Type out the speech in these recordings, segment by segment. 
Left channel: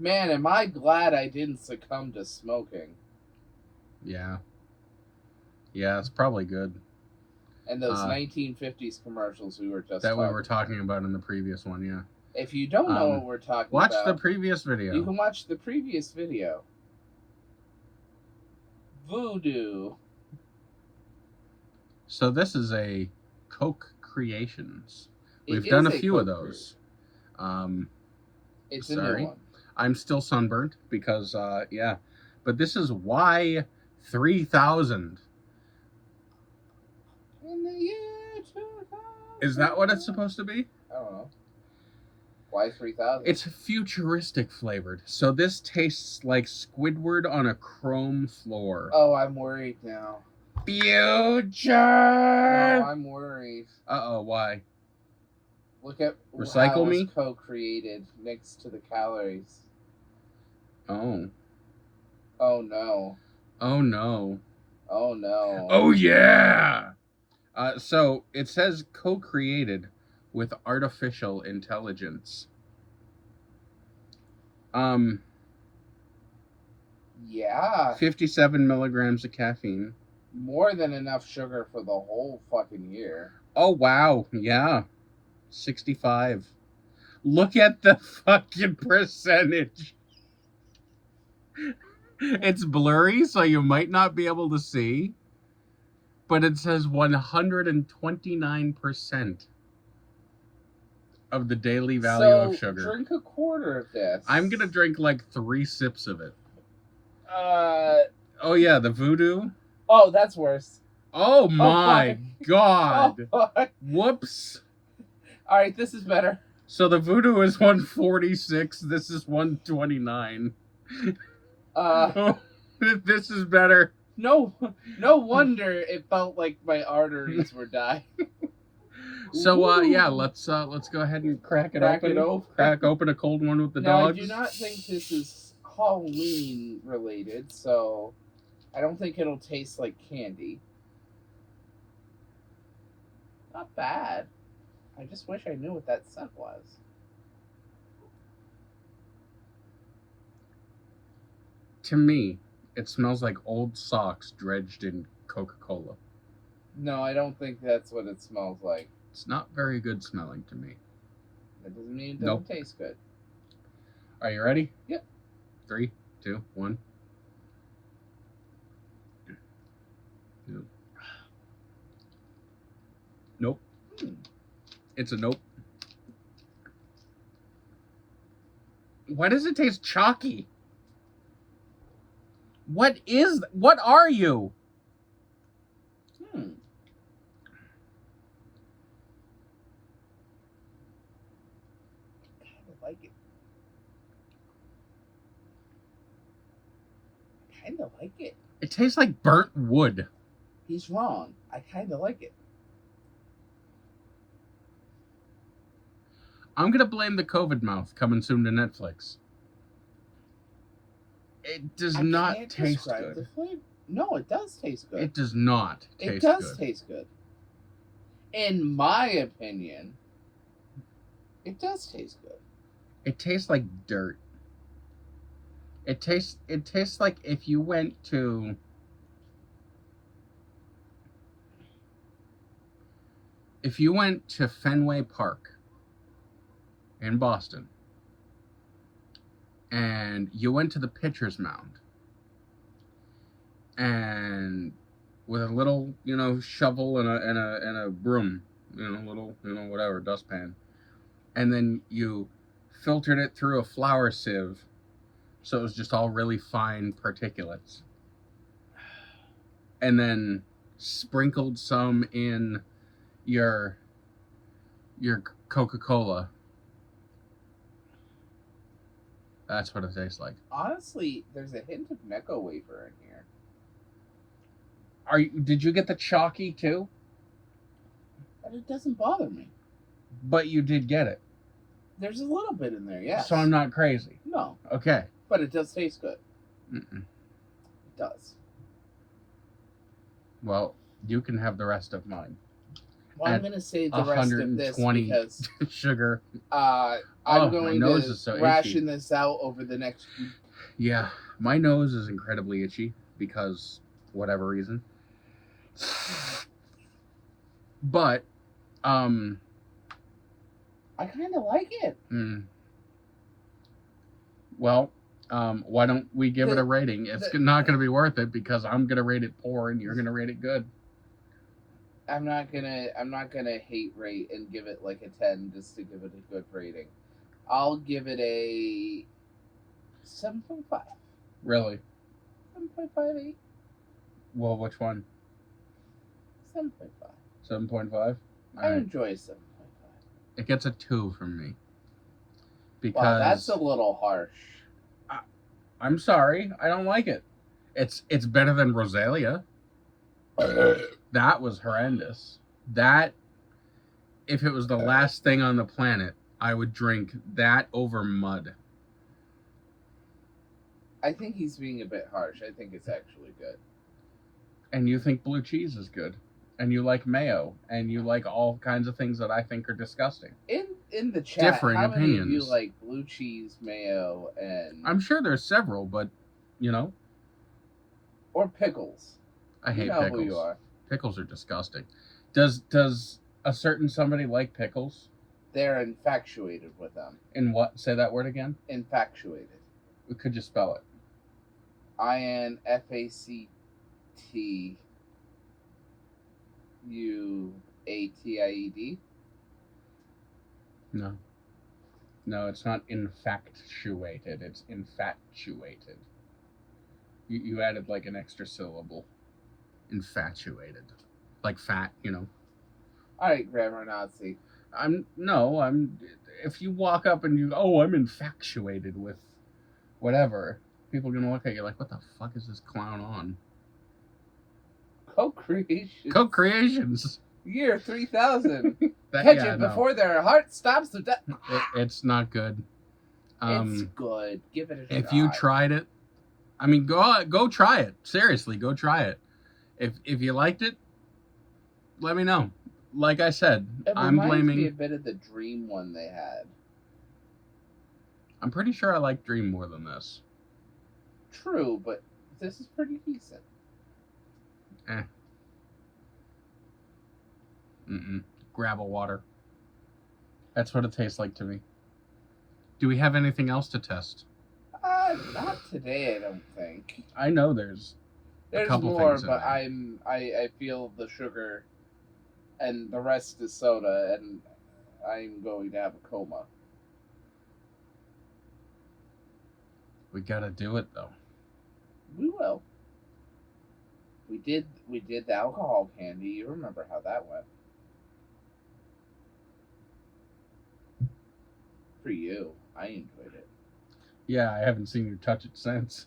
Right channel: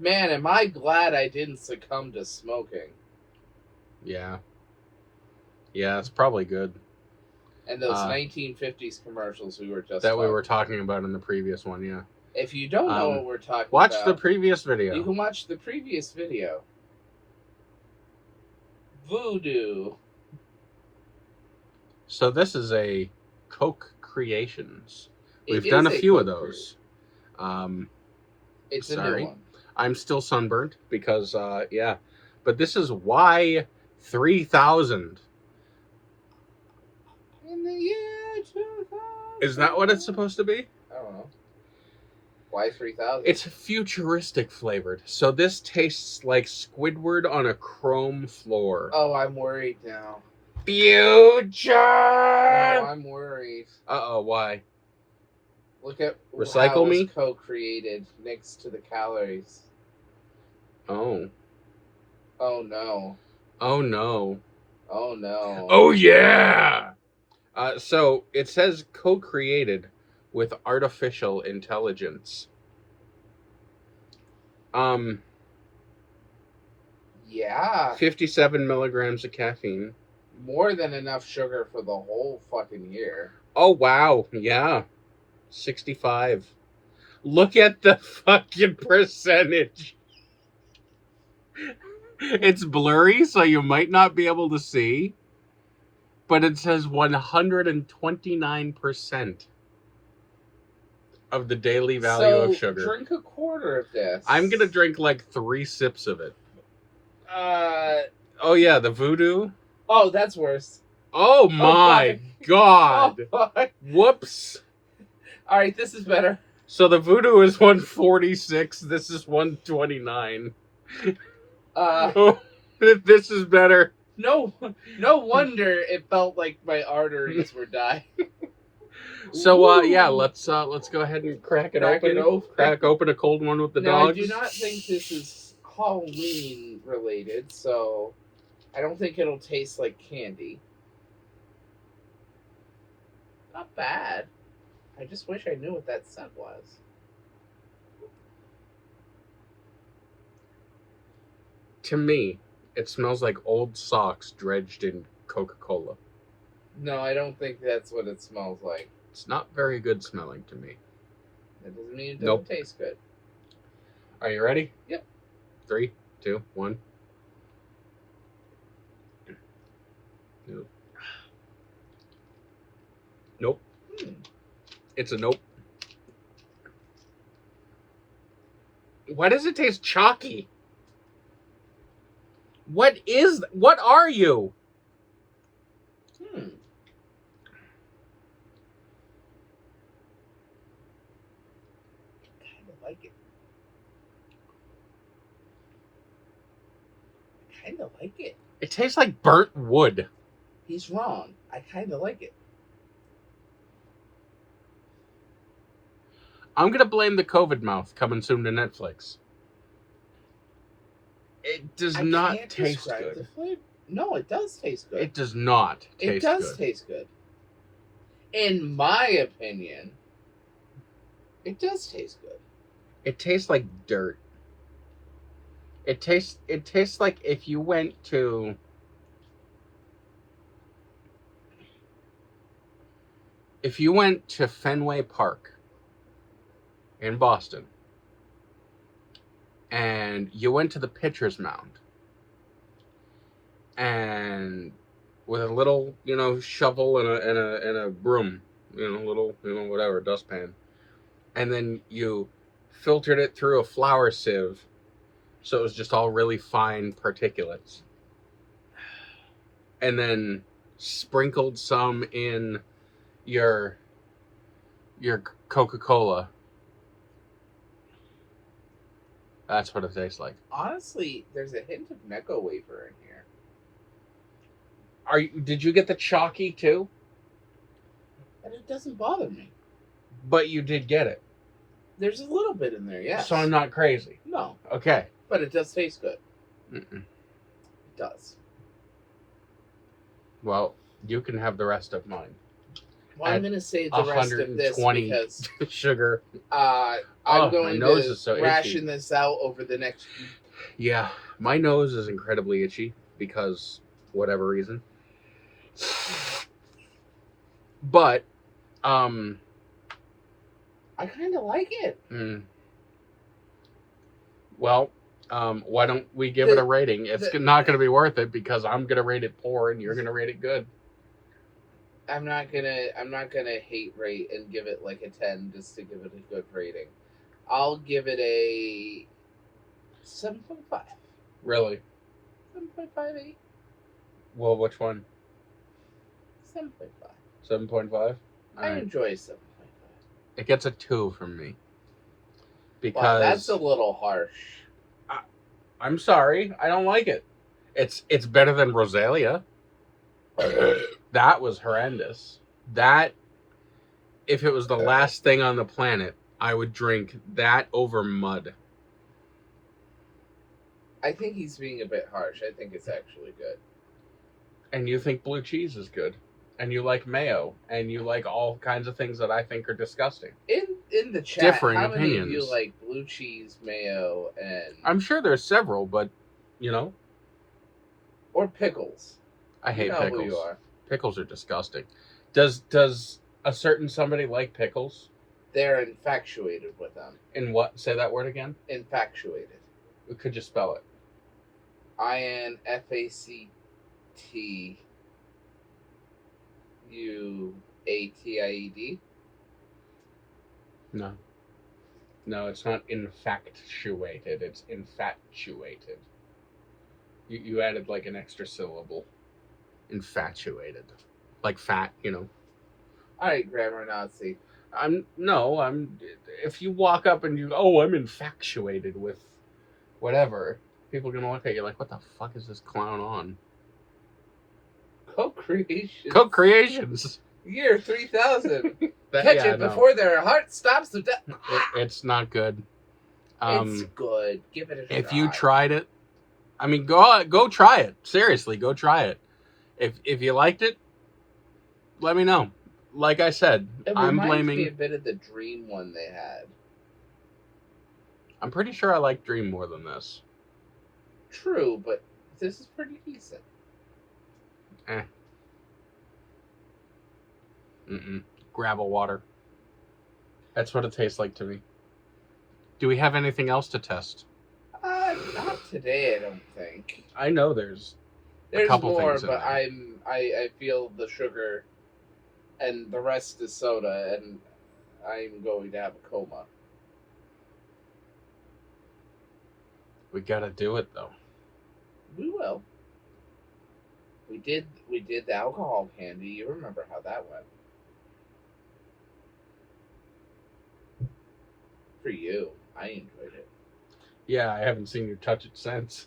Man, am I glad I didn't succumb to smoking. Yeah. Yeah, it's probably good. And those 1950s commercials we were just that we were talking about in the previous one, yeah. If you don't know what we're talking watch about, the previous video. You can watch the previous video. Voodoo. So this is a Coke Creations. We've done a few of those. It's sorry. a new one. I'm still sunburnt because, yeah. But this is Y3000. In the year 2000. Is that what it's supposed to be? I don't know. Y3000. It's futuristic flavored. So this tastes like Squidward on a chrome floor. Oh, I'm worried now. Future! No, I'm worried. Uh-oh, why? Look at Recycle how me? was co-created next to the calories. Oh. Oh no. Oh no. Oh no. Oh yeah! So it says co-created with artificial intelligence. Yeah. 57 milligrams of caffeine. More than enough sugar for the whole fucking year. Oh wow, yeah. 65. Look at the fucking percentage. It's blurry, so you might not be able to see. But it says 129% of the daily value of sugar. Drink a quarter of this. I'm going to drink like 3 sips of it. Oh yeah, the Voodoo. Oh, that's worse. Oh my god. Oh my. Whoops. All right, this is better. So the Voodoo is 146. This is 129. This is better. No wonder it felt like my arteries were dying. So yeah, let's go ahead and crack it open. Crack open a cold one with the dogs. I do not think this is Halloween related, so I don't think it'll taste like candy. Not bad. I just wish I knew what that scent was. To me, it smells like old socks dredged in Coca-Cola. No, I don't think that's what it smells like. It's not very good smelling to me. That doesn't mean it doesn't taste good. Are you ready? Yep. 3, 2, 1. Nope. Nope. It's a nope. Why does it taste chalky? What are you? I kind of like it. It tastes like burnt wood. He's wrong. I kind of like it. I'm going to blame the COVID mouth coming soon to Netflix. It does not taste good. No, it does taste good. It does not taste good. It does taste good. In my opinion, it does taste good. It tastes like dirt. It tastes like if you went to Fenway Park in Boston and you went to the pitcher's mound and with a little, shovel and a broom, little, whatever, dustpan, and then you filtered it through a flour sieve so it was just all really fine particulates, and then sprinkled some in your Coca-Cola. That's what it tastes like. Honestly, there's a hint of Necco wafer in here. Did you get the chalky too? And it doesn't bother me. But you did get it. There's a little bit in there, yeah. So I'm not crazy. No. Okay. But it does taste good. Mm-mm. It does. Well, you can have the rest of mine. Well, I'm gonna save the rest of this 120 because sugar. I'm my going nose to is so ration itchy. this out over the next week. Yeah, my nose is incredibly itchy because whatever reason. But I kind of like it. Well, why don't we give it a rating? It's not going to be worth it because I'm going to rate it poor and you're going to rate it good. I'm not gonna hate rate and give it like a 10 just to give it a good rating. I'll give it a 7.5. Really? 7.58. Well, which one? 7.5. 7.5? I enjoy 7.5. It gets a 2 from me. Because Wow, that's a little harsh. I'm sorry, I don't like it. It's better than Rosalia. That was horrendous. That, if it was the last thing on the planet, I would drink that over mud. I think he's being a bit harsh. I think it's actually good. And you think blue cheese is good. And you like mayo. And you like all kinds of things that I think are disgusting. In the chat, Differing how opinions. many of you like blue cheese, mayo, and... I'm sure there's several, but, you know. Or pickles. I hate pickles. Who you are. Pickles are disgusting. Does a certain somebody like pickles? They're infatuated with them. In what? Say that word again. Infatuated. Could you spell it? INFACTUATIED. No. No, it's not infatuated. It's infatuated. You added like an extra syllable. Infatuated. Like fat, you know. Alright, grammar Nazi. If you walk up and I'm infatuated with whatever, people are going to look at you like, what the fuck is this clown on? Co-creations. Y3000. Catch it before their heart stops to death. It's not good. It's good. Give it a try. If you tried it, I mean, go try it. Seriously, go try it. If you liked it, let me know. Like I said, I'm blaming. Me a bit of the Dream one they had. I'm pretty sure I like Dream more than this. True, but this is pretty decent. Gravel water. That's what it tastes like to me. Do we have anything else to test? Not today, I don't think. I know there's a couple more, things in but there. I feel the sugar, and the rest is soda, and I'm going to have a coma. We gotta do it though. We will. We did the alcohol candy. You remember how that went? For you, I enjoyed it. Yeah, I haven't seen you touch it since.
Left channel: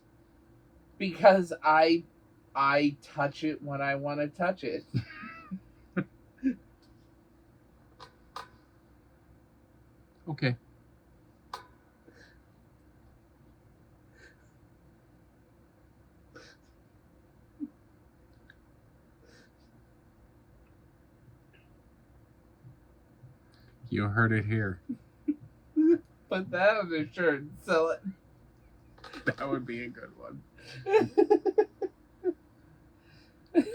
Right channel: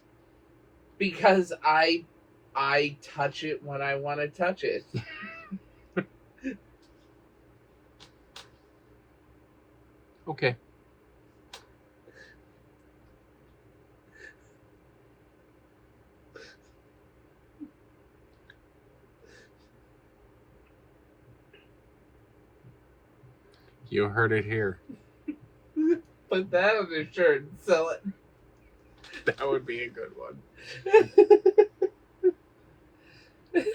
Because I touch it when I want to touch it. Okay. You heard it here. Put that on a shirt and sell it. That would be a good one.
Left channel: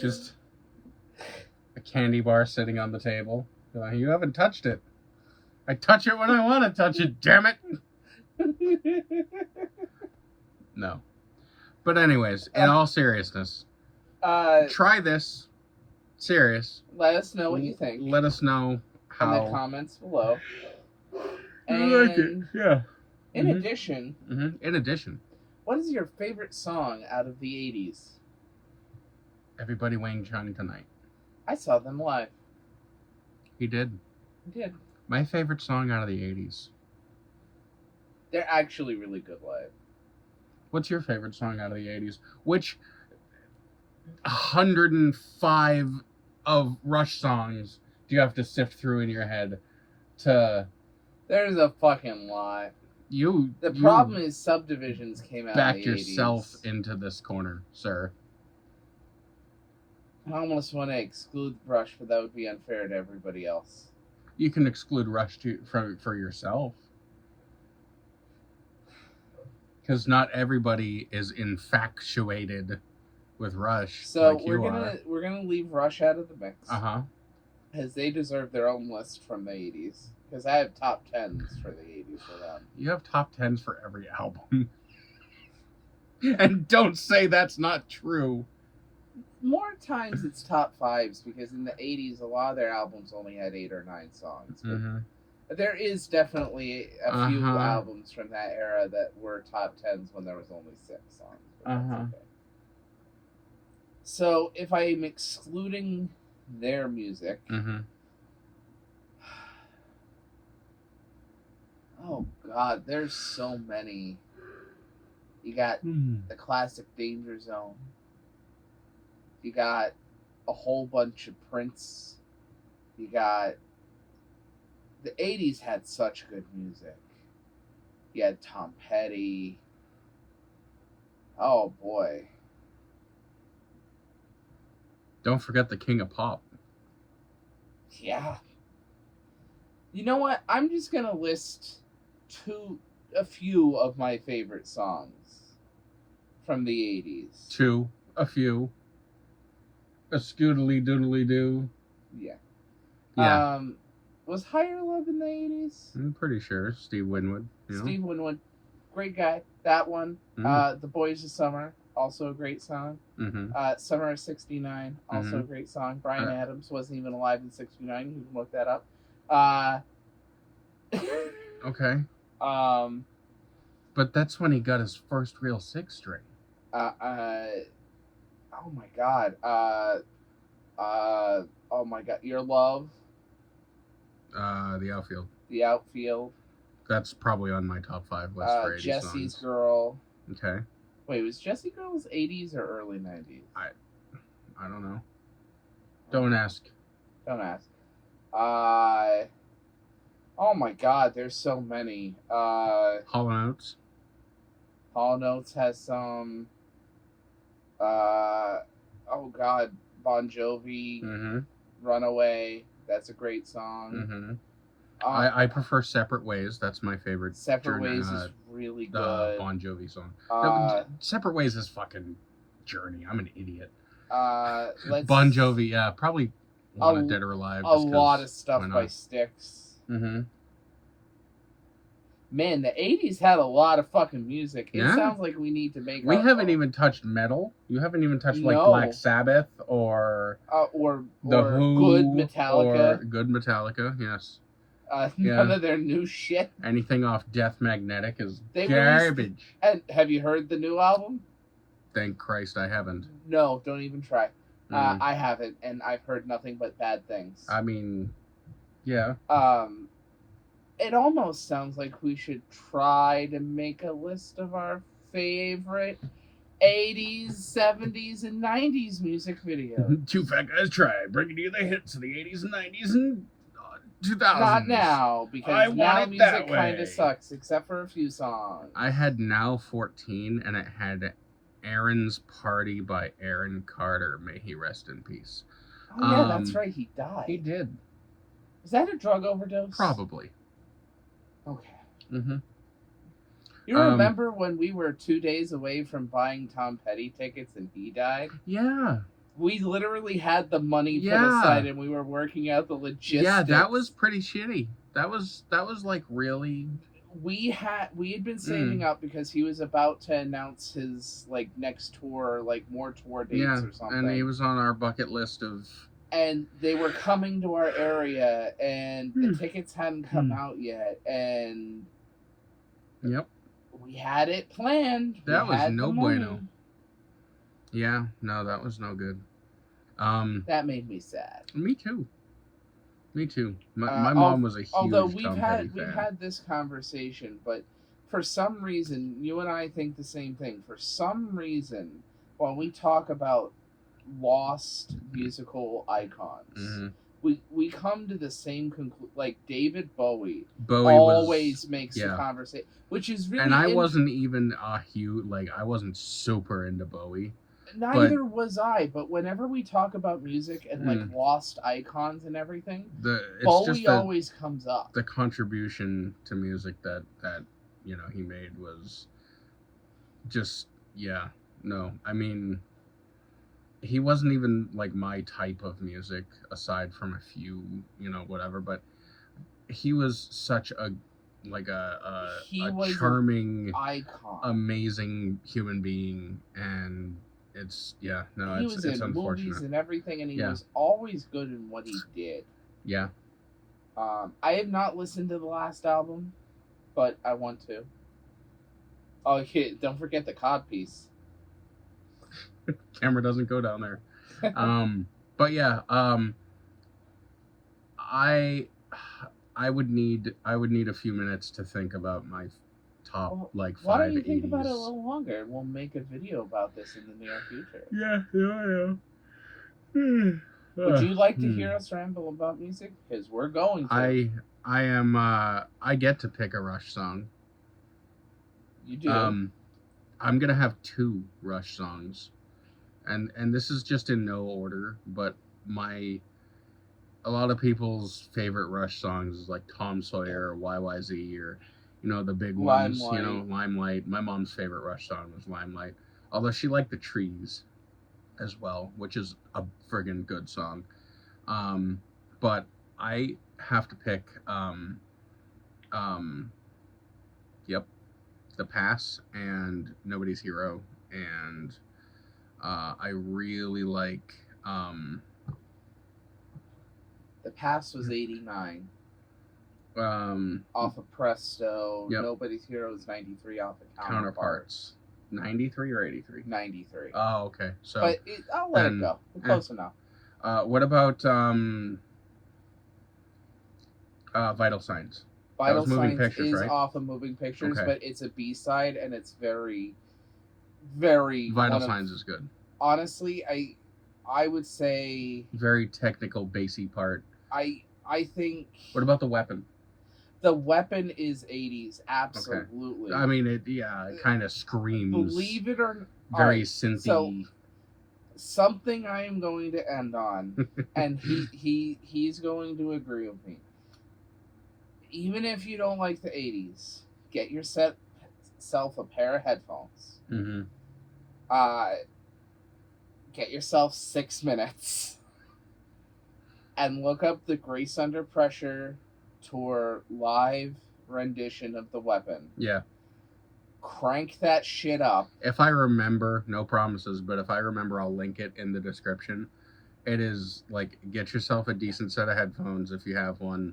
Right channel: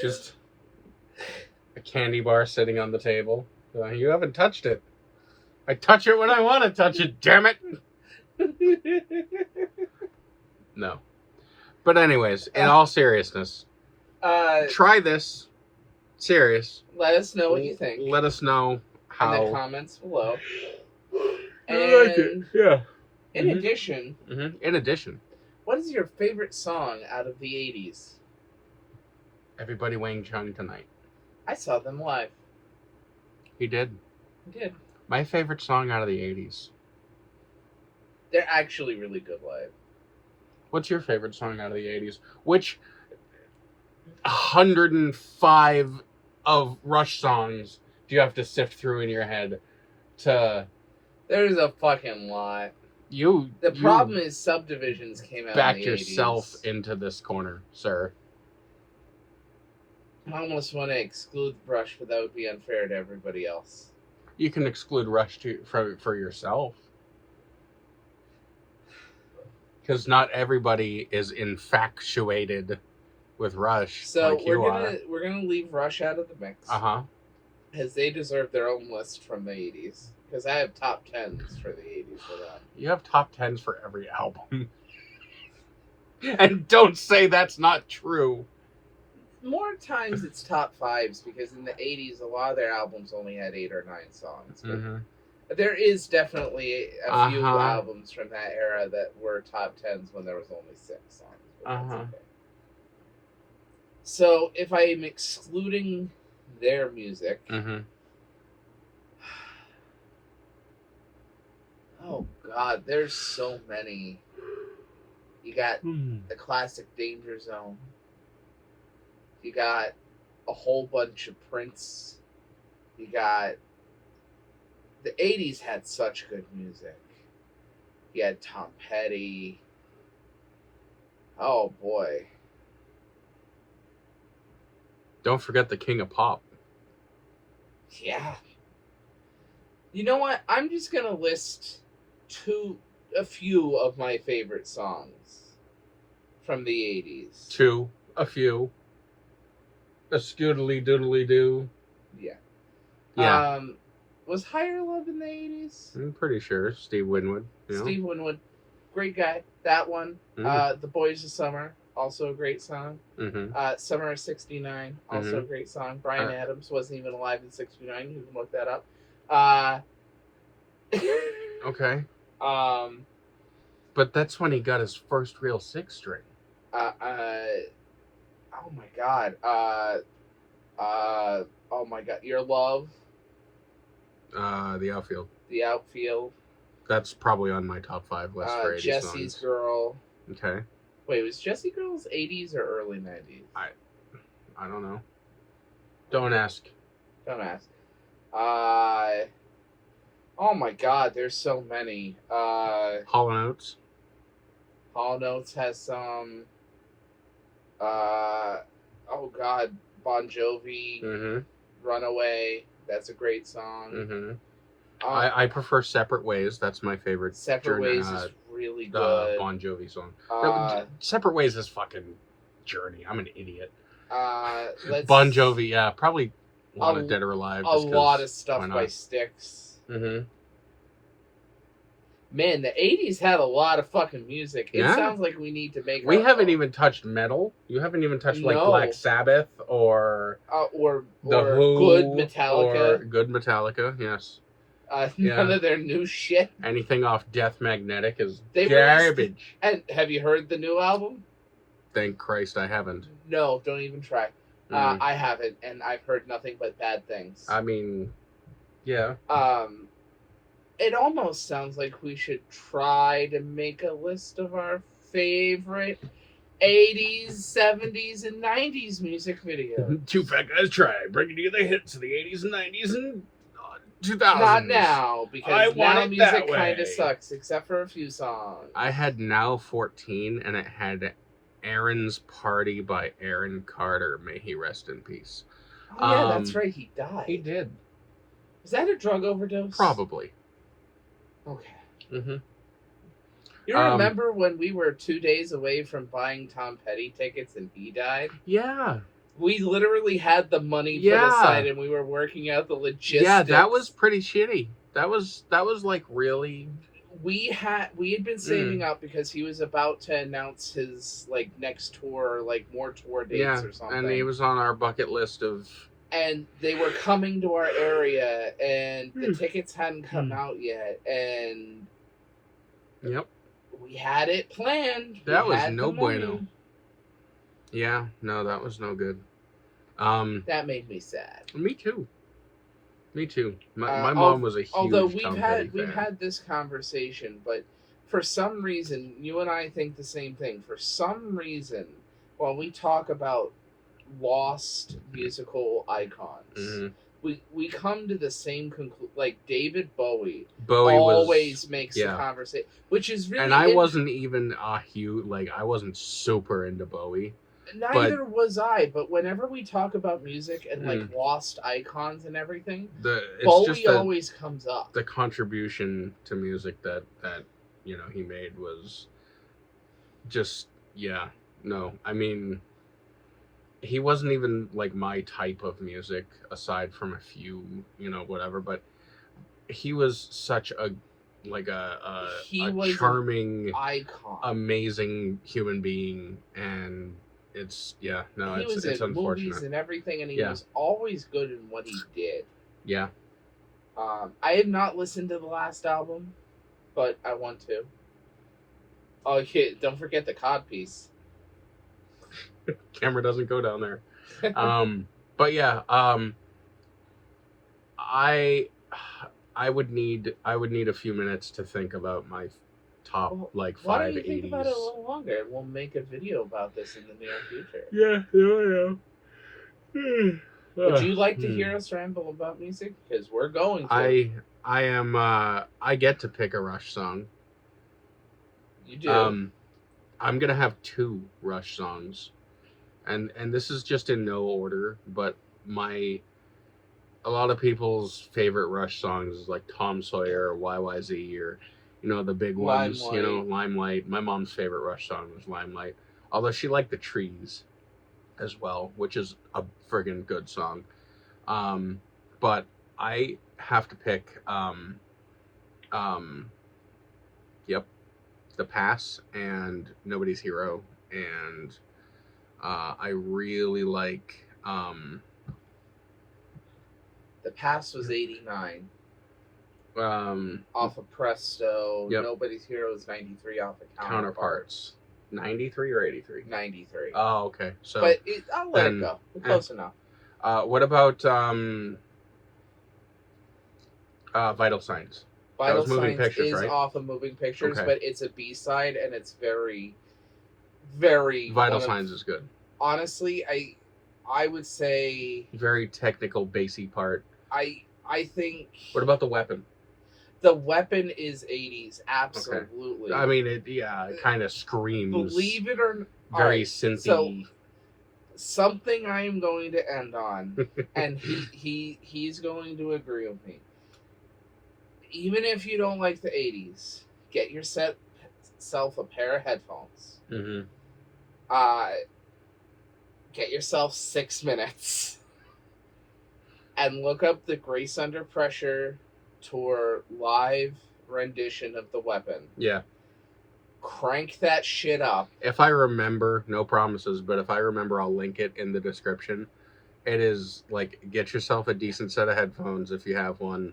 Just a candy bar sitting on the table. You haven't touched it. I touch it when I want to touch it, damn it. No. But anyways, in all seriousness, try this. Serious. Let us know what you think. Let us know how. In the comments below. I like it. Yeah. In addition. In addition. What is your favorite song out of the 80s? Everybody Wang Chung Tonight. I saw them live. You did? I did. My favorite song out of the 80s. They're actually really good live. What's your favorite song out of the 80s? Which 105 of Rush songs do you have to sift through in your head to... There's a fucking lot. The problem is Subdivisions came out in the 80s. Back yourself into this corner, sir. I almost want to exclude Rush, but that would be unfair to everybody else. You can exclude Rush for yourself. Because not everybody is infatuated with Rush So like you are. we're gonna leave Rush out of the mix. As they deserve their own list from the 80s. Because I have top 10s for the 80s for them. You have top 10s for every album. And don't say that's not true. More times it's top 5s because in the 80s a lot of their albums only had 8 or 9 songs. But there is definitely a few albums from that era that were top 10s when there was only 6 songs. Okay. So if I am excluding their music, oh god, there's so many. You got the classic Danger Zone. You got a whole bunch of Prince. You got... The 80s had such good music. You had Tom Petty. Oh boy. Don't forget the King of Pop. Yeah. You know what? I'm just gonna list a few of my favorite songs from the 80s. A few. A scoodly doodly doo. Yeah. Was Higher Love in the 80s? I'm pretty sure. Steve Winwood. Steve Winwood. Great guy. That one. The Boys of Summer. Also a great song. Summer of 69. Also a great song. Bryan Adams wasn't even alive in 69. You can look that up. Okay. But that's when he got his first real 6-string. Oh my god. Oh my god. Your Love. The Outfield. The Outfield. That's probably on my top 5 list for 80s Jesse's songs. Girl. Okay. Wait, was Jessie Girl's 80s or early 90s? I don't know. Don't ask. Don't ask. Oh my god, there's so many. Hall & Oates. Hall & Oates has some. Oh god, Bon Jovi. Runaway. That's a great song. I prefer Separate Ways. That's my favorite. Separate Ways is really good. Bon Jovi song. Separate Ways is fucking Journey. I'm an idiot. Bon Jovi, yeah, probably Wanted Dead or Alive. A lot of stuff by Styx. Man, the 80s had a lot of fucking music. It sounds like we need to make... We haven't even touched metal. You haven't even touched, like, Black Sabbath or The Who. Good Metallica. Or Good Metallica, yes. None of their new shit. Anything off Death Magnetic is garbage. And have you heard the new album? Thank Christ I haven't. No, don't even try. I haven't, and I've heard nothing but bad things. I mean, yeah. It almost sounds like we should try to make a list of our favorite 80s, 70s, and 90s music videos. Two fat guys try bringing you the hits of the 80s and 90s and 2000s. Not now, because now music kind of sucks, except for a few songs. I had Now 14, and it had Aaron's Party by Aaron Carter. May he rest in peace. Oh, yeah, that's right. He died. He did. Is that a drug overdose? Probably. Okay. You remember when we were 2 days away from buying Tom Petty tickets and he died? Yeah. We literally had the money put aside and we were working out the logistics. Yeah, that was pretty shitty. That was like really... We had been saving up because he was about to announce his like next tour, like more tour dates or something. And he was on our bucket list of... And they were coming to our area, and the tickets hadn't come out yet, and we had it planned. That was no bueno. Yeah, no, that was no good. That made me sad. Me too. My mom was a huge although Tom Petty fan. we've had this conversation, but for some reason, you and I think the same thing. For some reason, when we talk about lost musical icons, we come to the same conclusion. Like David Bowie always makes the conversation, which is really. And I wasn't even a huge I wasn't super into Bowie. Neither was I, but whenever we talk about music and like lost icons and everything, Bowie always comes up. The contribution to music that he made was just no. I mean, he wasn't even like my type of music aside from a few, whatever, but he was such a charming icon, amazing human being, and it's unfortunate. Movies and everything, and he was always good in what he did. Yeah. I have not listened to the last album, but I want to. Oh, yeah, don't forget the cod piece. Camera doesn't go down there. But yeah, I would need a few minutes to think about my top 5 80s. Why don't you think about it a little longer? We'll make a video about this in the near future. Yeah. Would you like to hear us ramble about music? Because we're going to. I am. I get to pick a Rush song. You do. I'm gonna have 2 Rush songs, and this is just in no order, but a lot of people's favorite Rush songs is like Tom Sawyer or YYZ or the big ones. Limelight. My mom's favorite Rush song was Limelight, although she liked The Trees as well, which is a friggin' good song. But I have to pick The Pass and Nobody's Hero, and I really like The Pass was 89. Off of Presto. Yep. Nobody's Hero is 93 off of Counterparts. 93 or 83? 93. Oh, okay. So, but I'll let it go. Close enough. What about Vital Signs? Vital Signs Pictures, is right? off of Moving Pictures, but it's a B-side, and it's very, very... Vital Signs is good. Honestly, I would say... Very technical, bassy part. I think... What about The Weapon? The Weapon is 80s, absolutely. Okay. I mean, it kind of screams. Believe it or not. Very synthy. So, something I'm going to end on, and he's going to agree with me. Even if you don't like the 80s, get yourself a pair of headphones. Mm-hmm. Get yourself 6 minutes. And look up the Grace Under Pressure tour live rendition of The Weapon. Yeah. Crank that shit up. If I remember, no promises, but if I remember, I'll link it in the description. It is like, get yourself a decent set of headphones if you have one.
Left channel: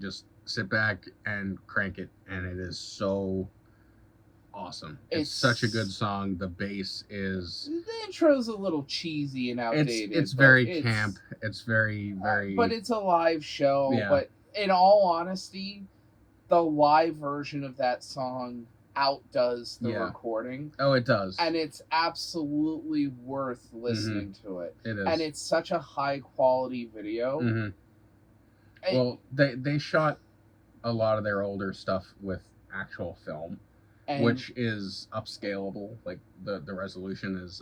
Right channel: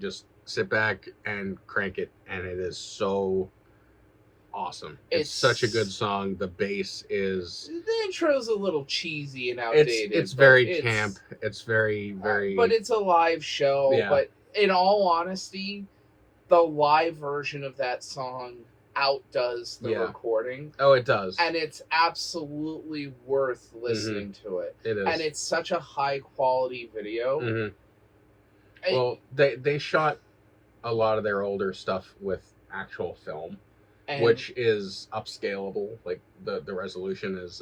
Just sit back and crank it, and it is so awesome. It's such a good song. The bass is... The intro's a little cheesy and outdated. It's very camp. It's very, very... But it's a live show. Yeah. But in all honesty, the live version of that song outdoes the recording. Oh, it does. And it's absolutely worth listening to it. It is. And it's such a high-quality video. Mm-hmm. Well, they shot a lot of their older stuff with actual film, which is upscalable. Like the resolution is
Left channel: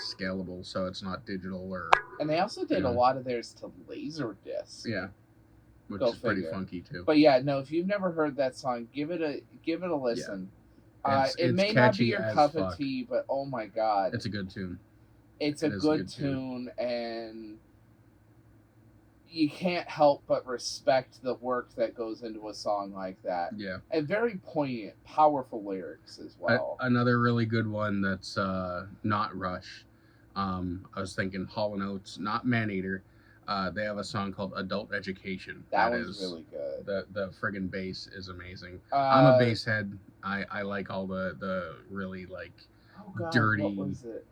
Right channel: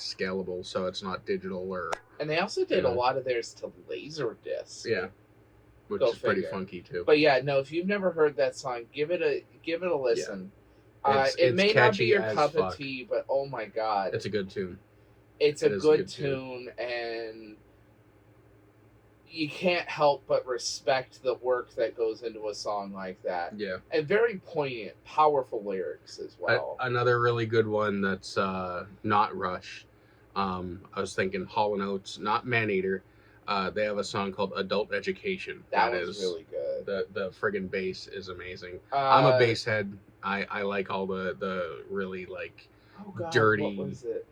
scalable, so it's not digital or. And they also did a lot of theirs to Laserdisc. Yeah, which is pretty funky too. But yeah, no, if you've never heard that song, give it a listen. Yeah. It may not be your cup of tea, but oh my god, it's a good tune. It's a good tune, and you can't help but respect the work that goes into a song like that. Yeah. And very poignant, powerful lyrics as well. Another really good one that's not Rush. I was thinking Hall & Oates, not Maneater. They have a song called Adult Education. That is really good. The friggin' bass is amazing. I'm a bass head. I like all the really dirty... What was it?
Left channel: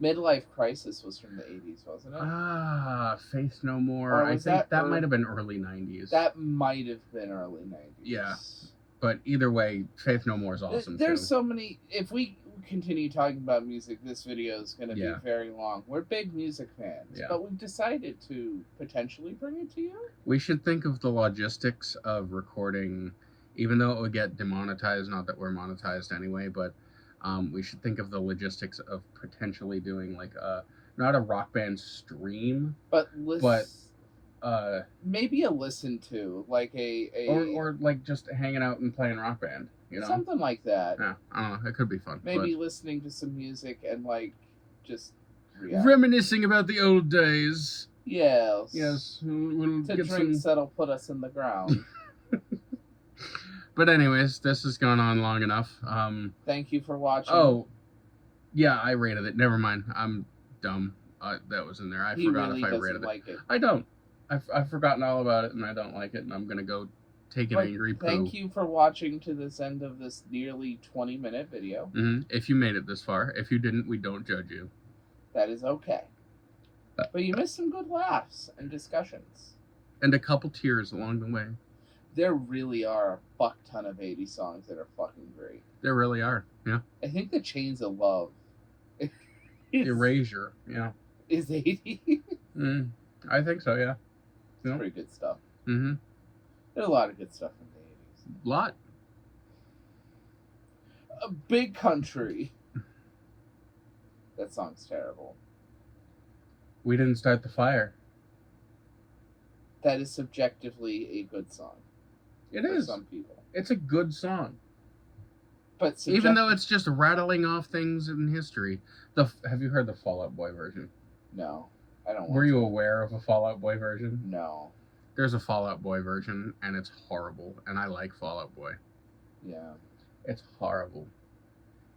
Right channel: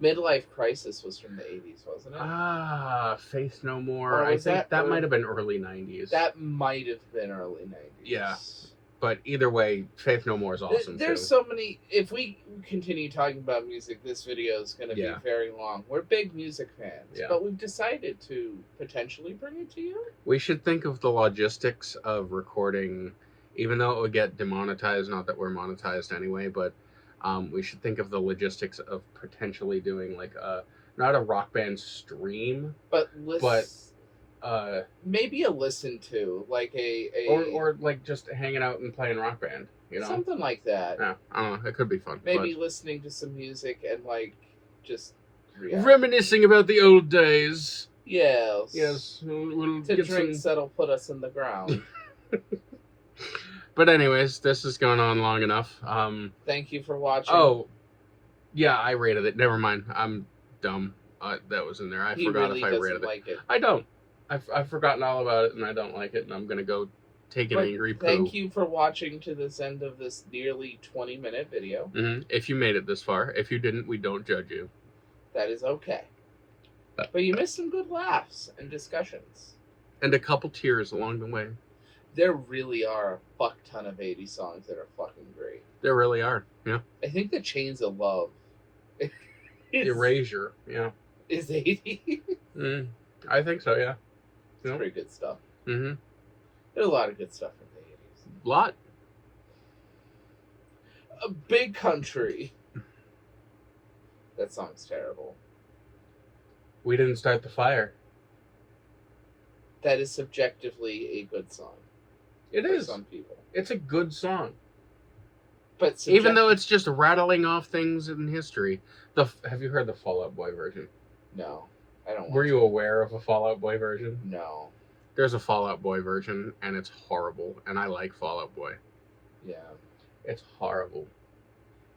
Midlife Crisis was from the 80s, wasn't it? Faith No More. I think that might have been early 90s. That might have been early 90s. Yeah. But either way, Faith No More is awesome, There's so many... If we continue talking about music, this video is going to be very long. We're big music fans, but we've decided to potentially bring it to you. We should think of the logistics of recording, even though it would get demonetized, not that we're monetized anyway, but We should think of the logistics of potentially doing like not a Rock Band stream, but maybe a listen to, like or like just hanging out and playing Rock Band, you know, something like that. Yeah, I don't know. It could be fun. Maybe listening to some music and like just reminiscing about the old days. Yes. We'll to get drinks that'll put us in the ground. But anyways, this has gone on long enough. Thank you for watching. Oh, yeah, I rated it. Never mind. I'm dumb. That was in there. I forgot if I rated it. I don't. I've forgotten all about it, and I don't like it, and I'm gonna go take an angry poo. Thank you for watching to this end of this nearly 20-minute video. If you made it this far. If you didn't, we don't judge you. That is okay. But you missed some good laughs and discussions. And a couple tears along the way. There really are a fuck ton of 80s songs that are fucking great. There really are, yeah. I think the Chains of Love. Erasure, yeah. Is 80? I think so, yeah. It's pretty good stuff. Mm-hmm. There's a lot of good stuff in the 80s. Lot. A Big Country. That song's terrible. We didn't start the fire. That is subjectively a good song. It is. Some people. It's a good song. But even though it's just rattling off things in history. Have you heard the Fall Out Boy version? No. I don't. Were you aware of a Fall Out Boy version? No. There's a Fall Out Boy version, and it's horrible. And I like Fall Out Boy. Yeah. It's horrible.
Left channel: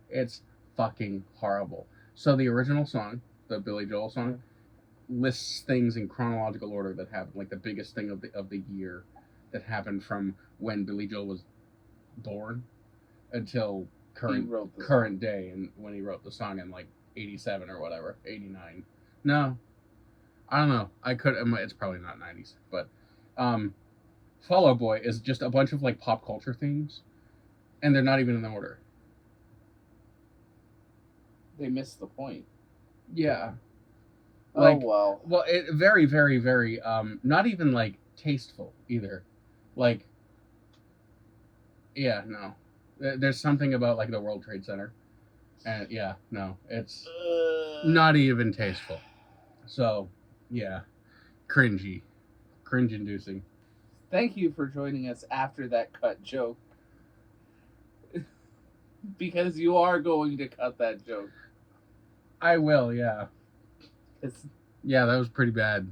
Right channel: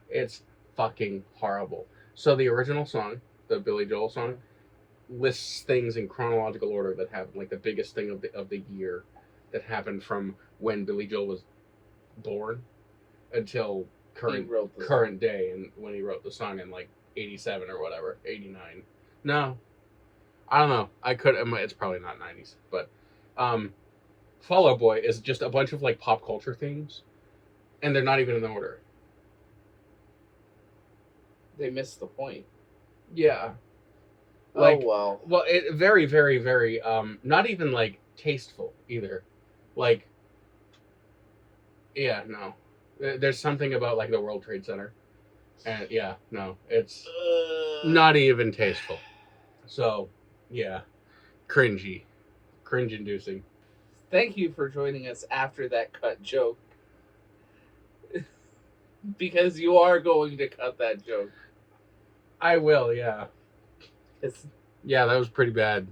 It's fucking horrible. So the original song, the Billy Joel song, lists things in chronological order that happened, like the biggest thing of the year that happened from when Billy Joel was born until current day, and when he wrote the song in like 87 or whatever, 89. No, I don't know. It's probably not 90s, but Fall Out Boy is just a bunch of like pop culture themes, and they're not even in order. They missed the point. Yeah. Like, oh well. Well, it very, very, very not even like tasteful either. Like, yeah, no. There's something about like the World Trade Center, and yeah, no, it's not even tasteful. So, yeah, cringe-inducing. Thank you for joining us after that cut joke, because you are going to cut that joke. I will, yeah. Yeah, that was pretty bad.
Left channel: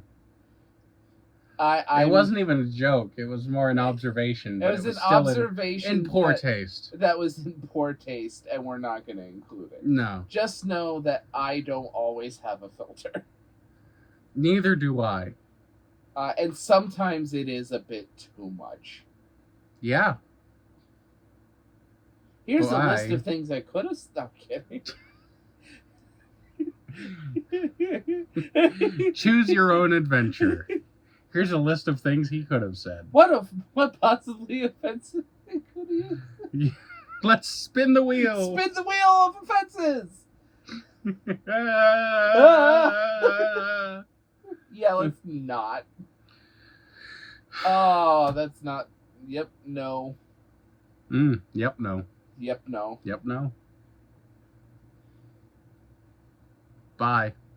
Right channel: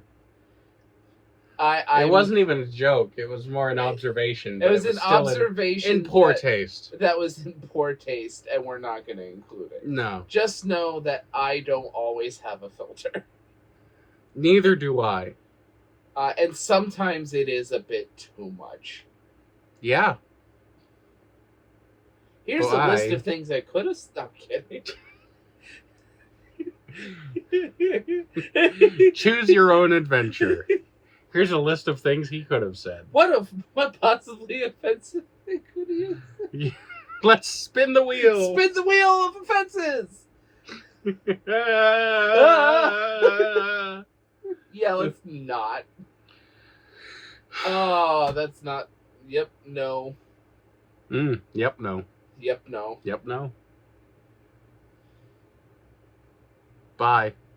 It wasn't even a joke. It was more an observation. It was an observation in poor taste. That was in poor taste, and we're not going to include it. No. Just know that I don't always have a filter. Neither do I. And sometimes it is a bit too much. Yeah. Here's a list of things I could have stopped kidding. Choose your own adventure. Here's a list of things he could have said. What possibly offensive thing could he have said? Let's spin the wheel. Spin the wheel of offenses. Yeah, let's not. Oh, that's not. Yep, no. Yep, no. Yep, no. Yep, no. Bye.